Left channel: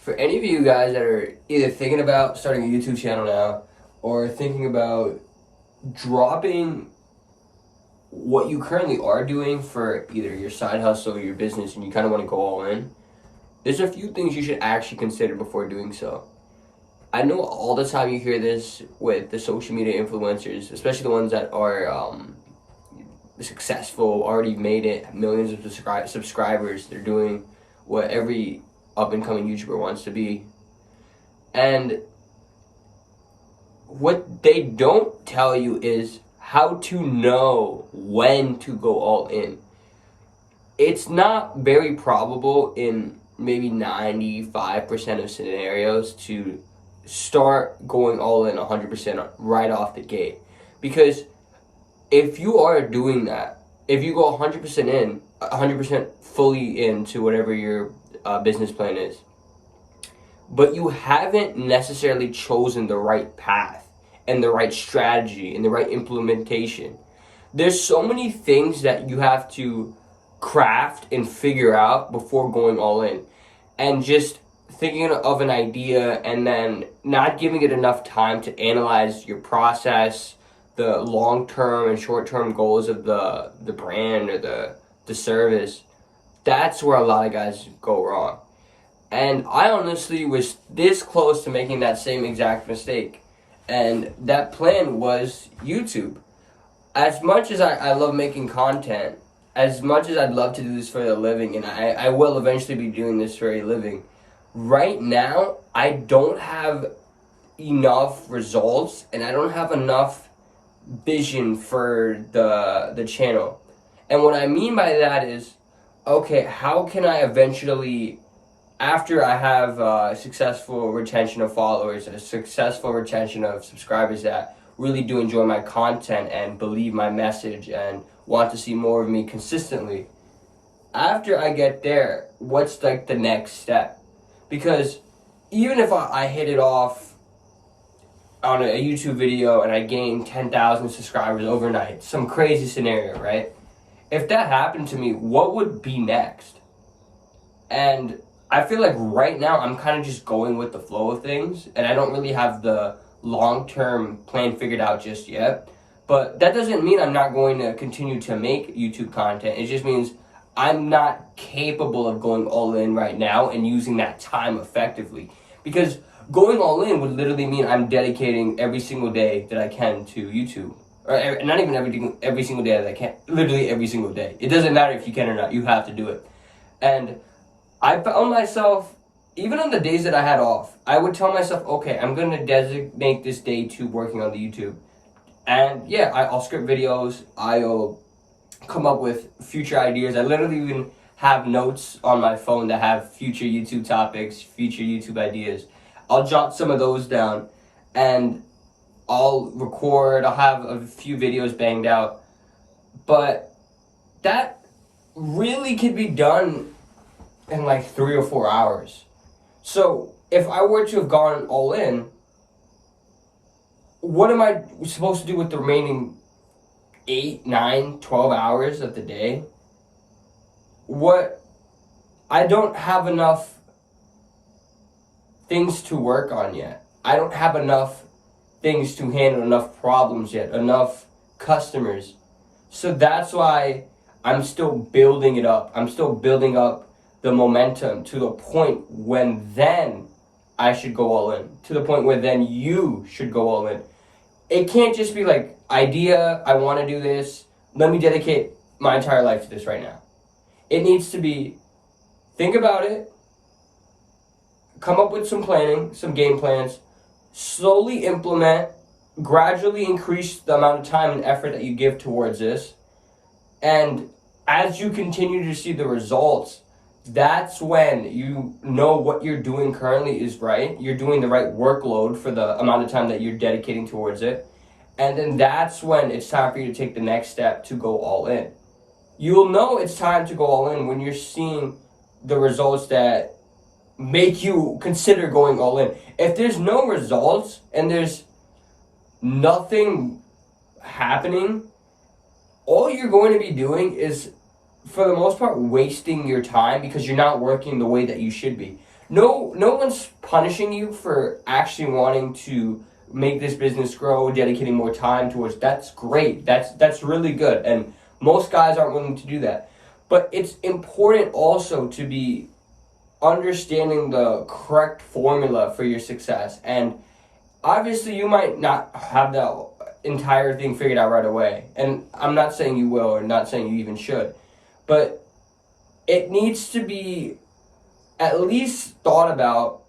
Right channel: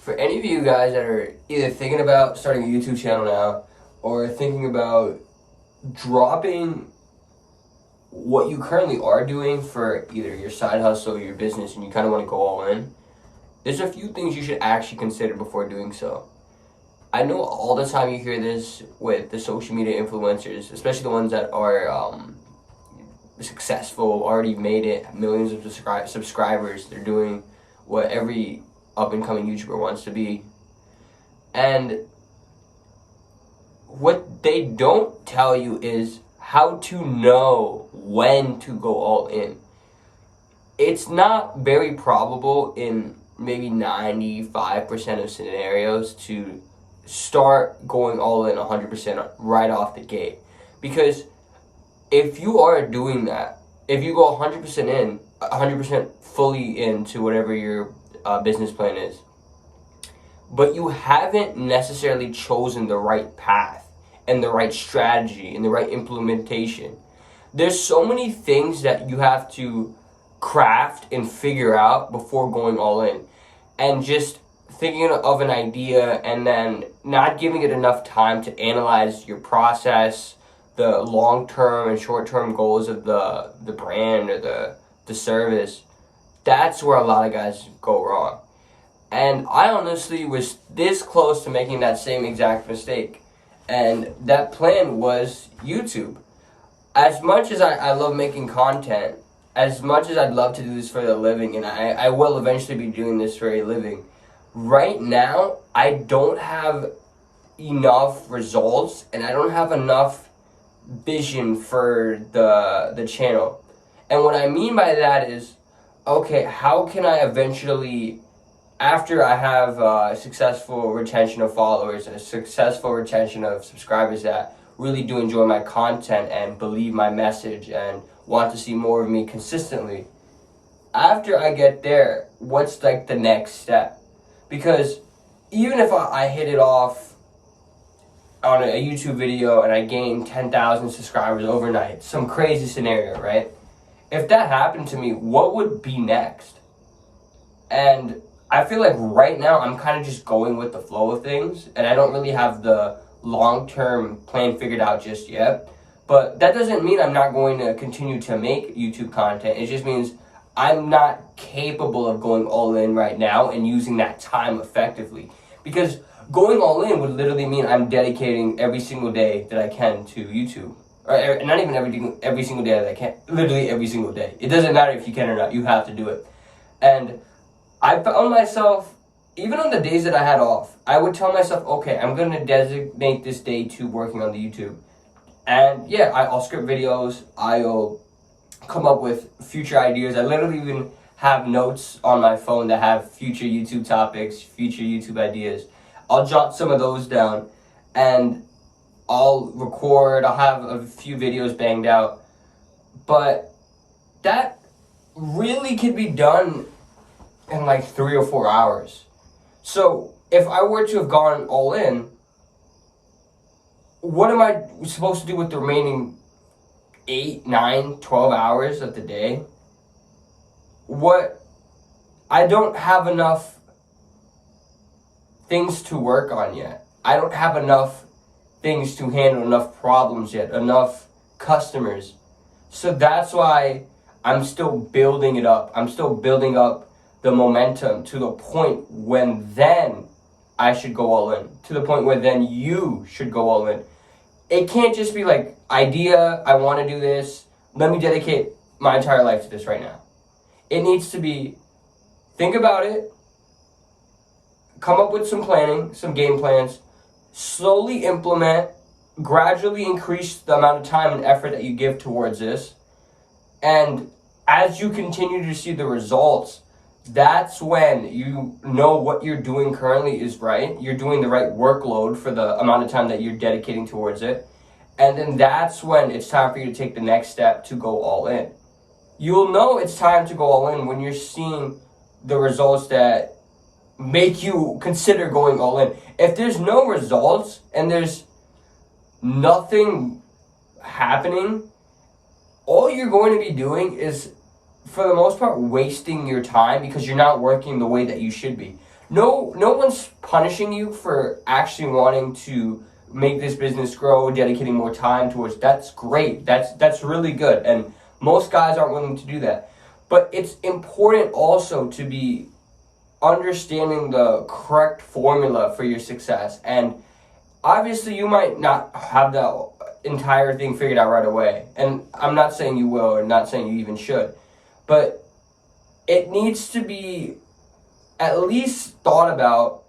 For any of you guys that are either thinking about starting a YouTube channel now or thinking about dropping what you currently are doing for either your side hustle or your business and you kind of want to go all in, there's a few things you should actually consider before doing so. I know all the time you hear this with the social media influencers, especially the ones that are successful, already made it, millions of subscribers. They're doing what every up and coming YouTuber wants to be. And what they don't tell you is how to know when to go all in. It's not very probable in maybe 95% of scenarios to start going all in 100% right off the gate. Because if you are doing that, if you go 100% in, 100% fully into whatever your business plan is, but you haven't necessarily chosen the right path and the right strategy and the right implementation, there's so many things that you have to craft and figure out before going all in. And just thinking of an idea and then not giving it enough time to analyze your process, the long-term and short-term goals of the brand or the service, that's where a lot of guys go wrong. And I honestly was this close to making that same exact mistake. And that plan was YouTube. As much as I love making content, as much as I'd love to do this for a living, and I will eventually be doing this for a living, right now I don't have enough results and I don't have enough vision for the channel. And what I mean by that is, okay, how can I eventually, after I have a successful retention of followers and a successful retention of subscribers that really do enjoy my content and believe my message and want to see more of me consistently, after I get there, what's like the next step? Because even if I hit it off on a YouTube video and I gain 10,000 subscribers overnight, some crazy scenario, right? If that happened to me, what would be next? And I feel like right now I'm kind of just going with the flow of things, and I don't really have the long-term plan figured out just yet. But that doesn't mean I'm not going to continue to make YouTube content. It just means I'm not capable of going all in right now and using that time effectively. Because going all in would literally mean I'm dedicating every single day that I can to YouTube. Or not even every single day that I can, literally every single day. It doesn't matter if you can or not, you have to do it. And I found myself, even on the days that I had off, I would tell myself, okay, I'm going to designate this day to working on the YouTube. And yeah, I'll script videos, I'll come up with future ideas. I literally even have notes on my phone that have future YouTube topics, future YouTube ideas. I'll jot some of those down and I'll record, I'll have a few videos banged out. But that really could be done in like 3 or 4 hours. So if I were to have gone all in, what am I supposed to do with the remaining 8, 9, 12 hours of the day? I don't have enough things to work on yet. I don't have enough things to handle, enough problems yet, enough customers. So that's why I'm still building it up. I'm still building up the momentum to the point when then I should go all in. To the point where then you should go all in. It can't just be like, idea, I want to do this, let me dedicate my entire life to this right now. It needs to be, think about it, come up with some planning, some game plans, slowly implement, gradually increase the amount of time and effort that you give towards this. And as you continue to see the results, that's when you know what you're doing currently is right. You're doing the right workload for the amount of time that you're dedicating towards it. And then that's when it's time for you to take the next step to go all in. You'll know it's time to go all in when you're seeing the results that make you consider going all in. If there's no results and there's nothing happening, all you're going to be doing is, for the most part, wasting your time because you're not working the way that you should be. no one's punishing you for actually wanting to make this business grow, dedicating more time towards. That's great. That's really good. And most guys aren't willing to do that. But it's important also to be understanding the correct formula for your success. And obviously you might not have the entire thing figured out right away. And I'm not saying you will, or not saying you even should. But it needs to be at least thought about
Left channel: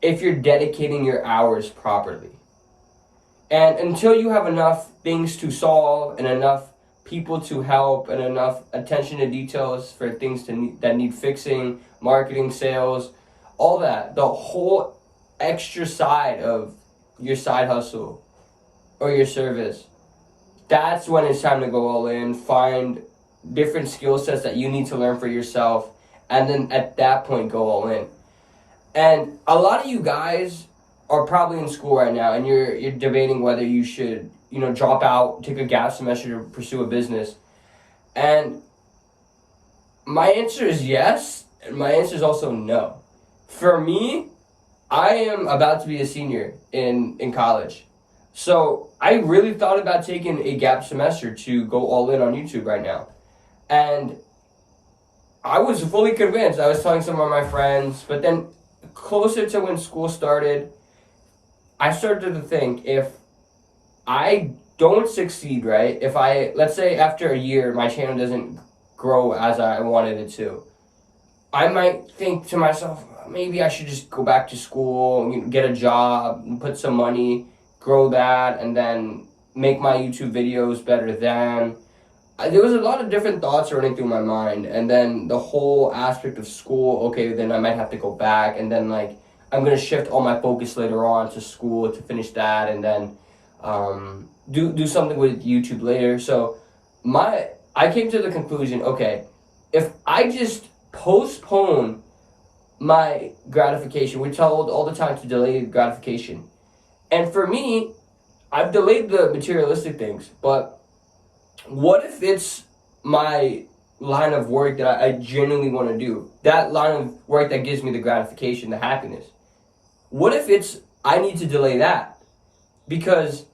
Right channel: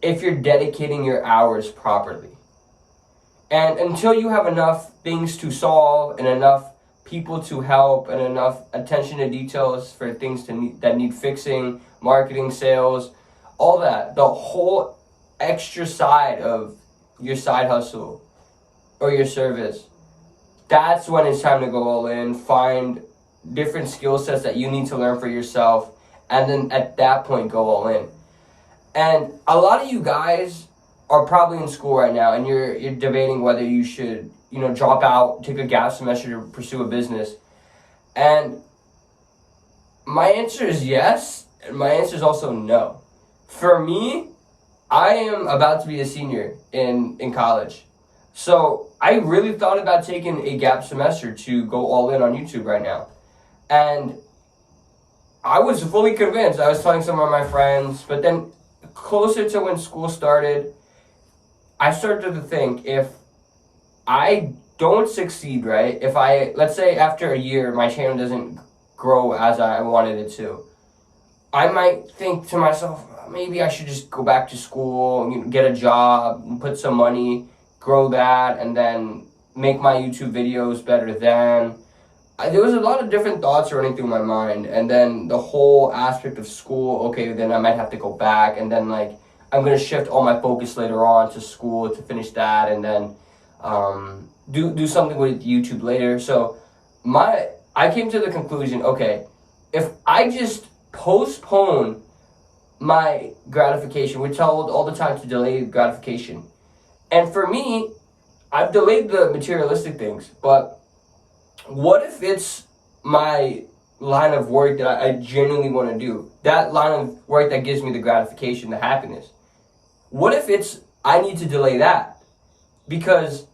if you're dedicating your hours properly. And until you have enough things to solve and enough people to help and enough attention to details for things that need fixing, marketing, sales, all that, the whole extra side of your side hustle or your service, that's when it's time to go all in, find different skill sets that you need to learn for yourself, and then at that point go all in. And a lot of you guys are probably in school right now and you're debating whether you should, drop out, take a gap semester to pursue a business. And my answer is yes, and my answer is also no. For me, I am about to be a senior in college. So I really thought about taking a gap semester to go all in on YouTube right now. And I was fully convinced. I was telling some of my friends, but then closer to when school started, I started to think, if I don't succeed, right? If let's say after a year, my channel doesn't grow as I wanted it to, I might think to myself, maybe I should just go back to school, get a job, put some money, grow that, and then make my YouTube videos better then. There was a lot of different thoughts running through my mind, and then the whole aspect of school, okay, then I might have to go back, and then I'm going to shift all my focus later on to school to finish that, and then do something with YouTube later. So I came to the conclusion, okay, if I just postpone my gratification, we're told all the time to delay gratification. And for me, I've delayed the materialistic things, but what if it's my line of work that I genuinely want to do? That line of work that gives me the gratification, the happiness. What if I need to delay that? Because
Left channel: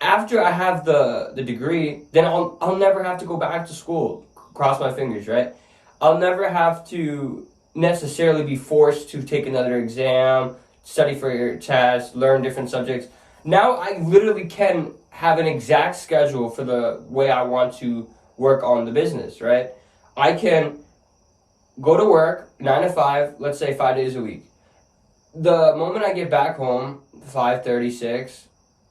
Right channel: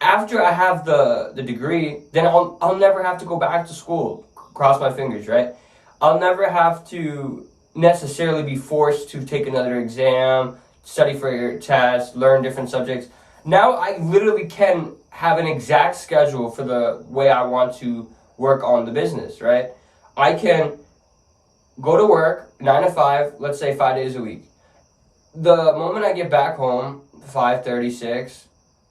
after I have the degree, then I'll never have to go back to school. Cross my fingers, right? I'll never have to necessarily be forced to take another exam, study for your test, learn different subjects. Now I literally can have an exact schedule for the way I want to work on the business, right? I can go to work 9 to 5, let's say 5 days a week. The moment I get back home, 5:36,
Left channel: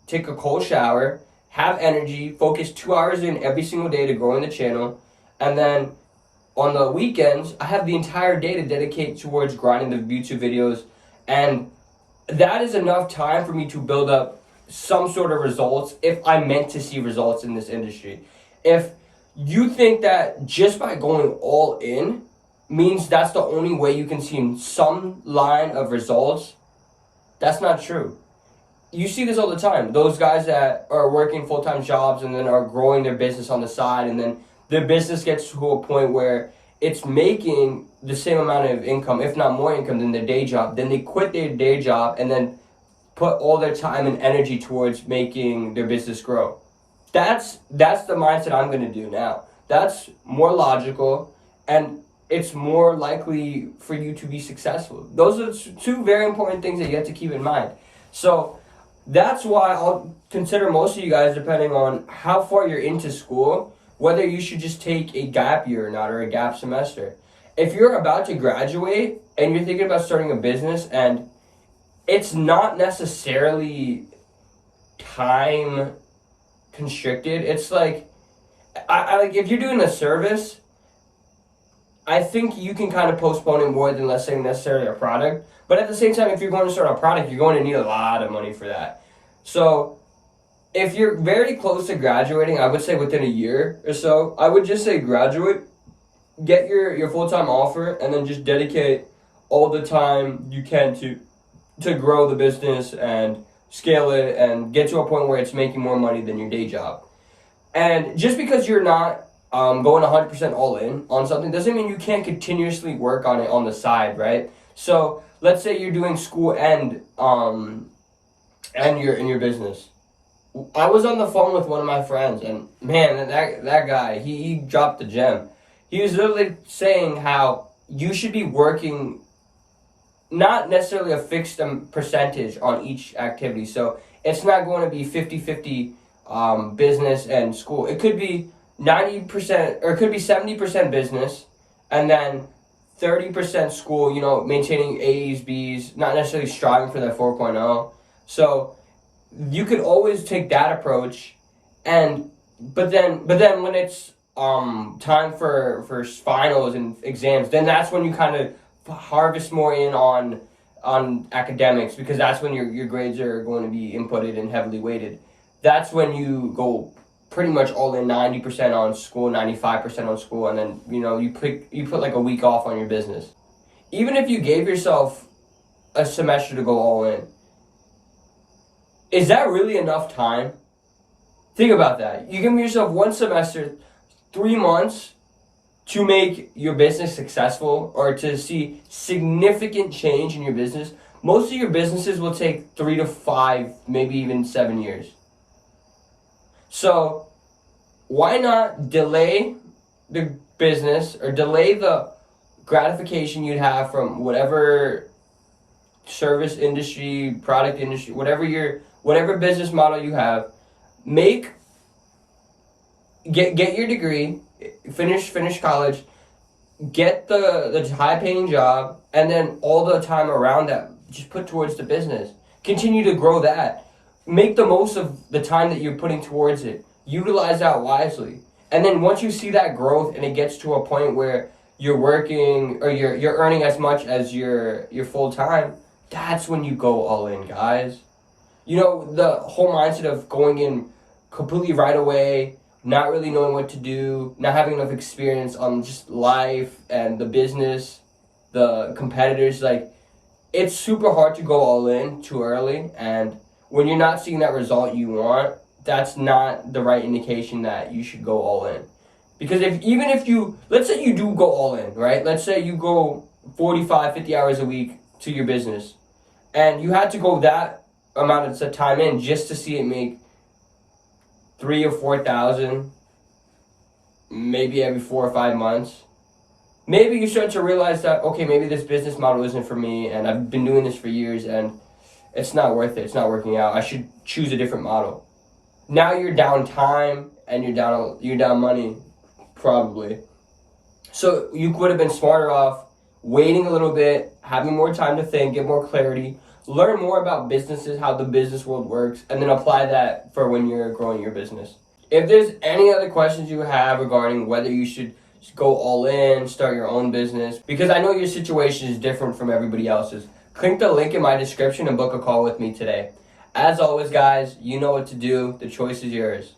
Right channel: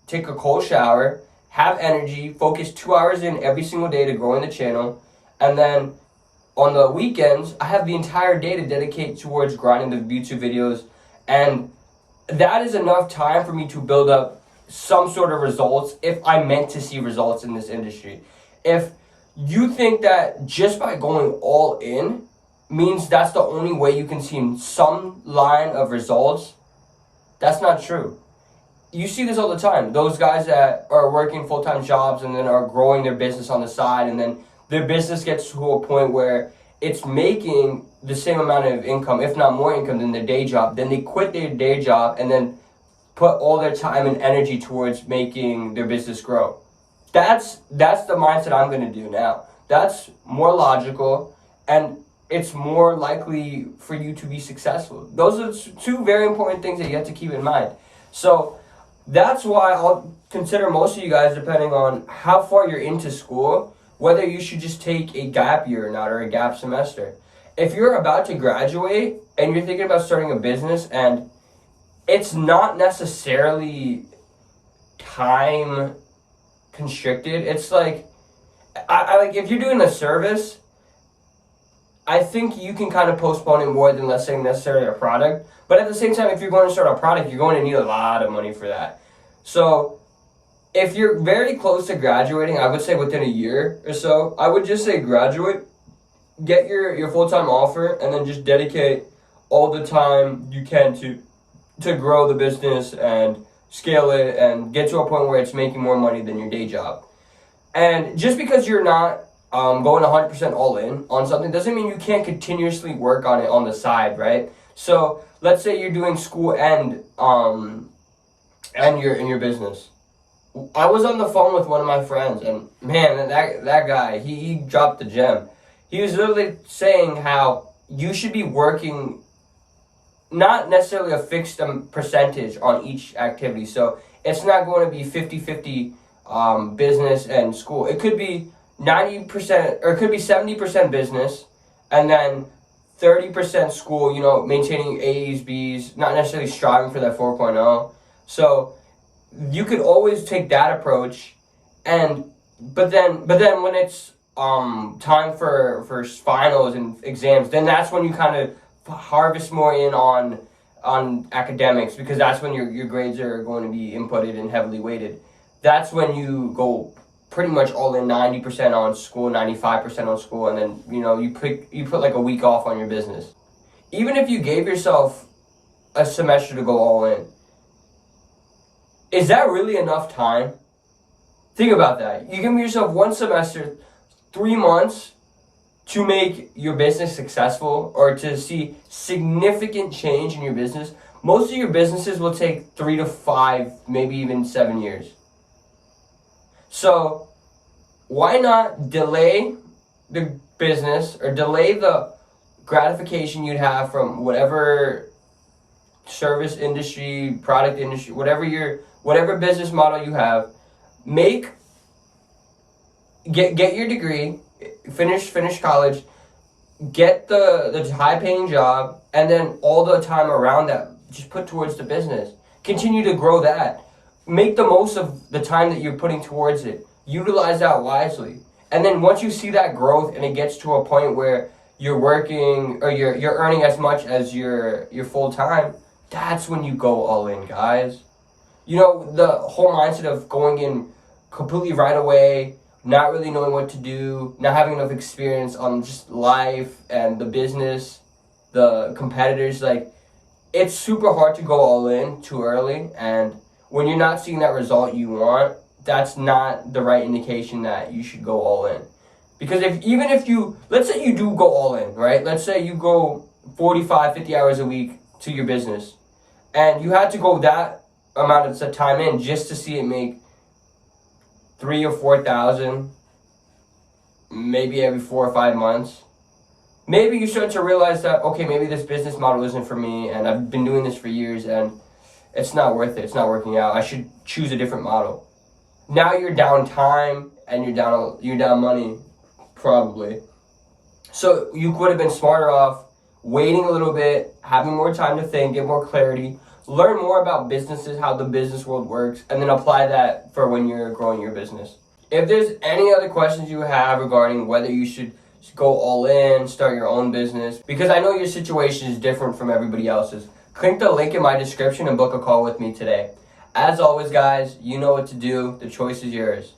take a cold shower, have energy, focus 2 hours in every single day to growing the channel, and then on the weekends, I have the entire day to dedicate towards grinding the YouTube videos, and that is enough time for me to build up some sort of results if I meant to see results in this industry. If you think that just by going all in means that's the only way you can see some line of results, that's not true. You see this all the time. Those guys that are working full-time jobs and then are growing their business on the side, and then their business gets to a point where it's making the same amount of income, if not more income, than their day job. Then they quit their day job and then put all their time and energy towards making their business grow. That's the mindset I'm going to do now. That's more logical, and it's more likely for you to be successful. Those are two very important things that you have to keep in mind. So that's why I'll consider most of you guys, depending on how far you're into school, whether you should just take a gap year or not, or a gap semester. If you're about to graduate and you're thinking about starting a business and it's not necessarily time constricted, it's like, I like, if you're doing a service, I think you can kind of postpone it more than, let's say, necessarily a product. But at the same time, if you're going to start a product, you're going to need a lot of money for that. So if you're very close to graduating, I would say within a year or so, I would just say graduate, get your full-time offer, and then just dedicate all the time you can to grow the business and scale it and get to a point where it's making more money than your day job. And just because you're not going 100% all in on something doesn't mean you can't continuously work on it on the side, right? So let's say you're doing school and you're in your business. I was on the phone with one of my friends, and man, that guy, he dropped the gem. He was literally saying how you should be working not necessarily a fixed percentage on each activity. So it's not going to be 50-50 business and school. It could be 90%, or it could be 70% business, and then 30% school, maintaining A's, B's, not necessarily striving for that 4.0. So you could always take that approach, but then when it's time for finals and exams, then that's when you kind of harvest more in on academics, because that's when your grades are going to be inputted and heavily weighted. That's when you go pretty much all in, 90% on school, 95% on school, and then you put like a week off on your business. Even if you gave yourself a semester to go all in, is that really enough time? Think about that. You give yourself one semester, 3 months, to make your business successful or to see significant change in your business. Most of your businesses will take 3 to 5, maybe even 7 years. So why not delay the business or delay the gratification you'd have from whatever service industry, product industry, whatever business model you have. Get your degree, finish college, get the high paying job, and then all the time around that just put towards the business. Continue to grow that. Make the most of the time that you're putting towards it. Utilize that wisely. And then once you see that growth and it gets to a point where you're working or you're earning as much as your full time, that's when you go all in, guys. The whole mindset of going in completely right away, not really knowing what to do, not having enough experience on just life and the business, the competitors, like, it's super hard to go all in too early. And when you're not seeing that result you want, that's not the right indication that you should go all in. Because let's say you do go all in, right? Let's say you go 45, 50 hours a week to your business, and you had to go that amount of time in just to see it make 3,000 or 4,000, maybe every 4 or 5 months. Maybe you start to realize that, okay, maybe this business model isn't for me, and I've been doing this for years, and it's not worth it. It's not working out. I should choose a different model. Now you're down time and you're down money, probably. So you would have been smarter off waiting a little bit, having more time to think, get more clarity, learn more about businesses, how the business world works, and then apply that for when you're growing your business. If there's any other questions you have regarding whether you should go all in, start your own business, because I know your situation is different from everybody else's, click the link in my description and book a call with me today. As always, guys, you know what to do. The choice is yours.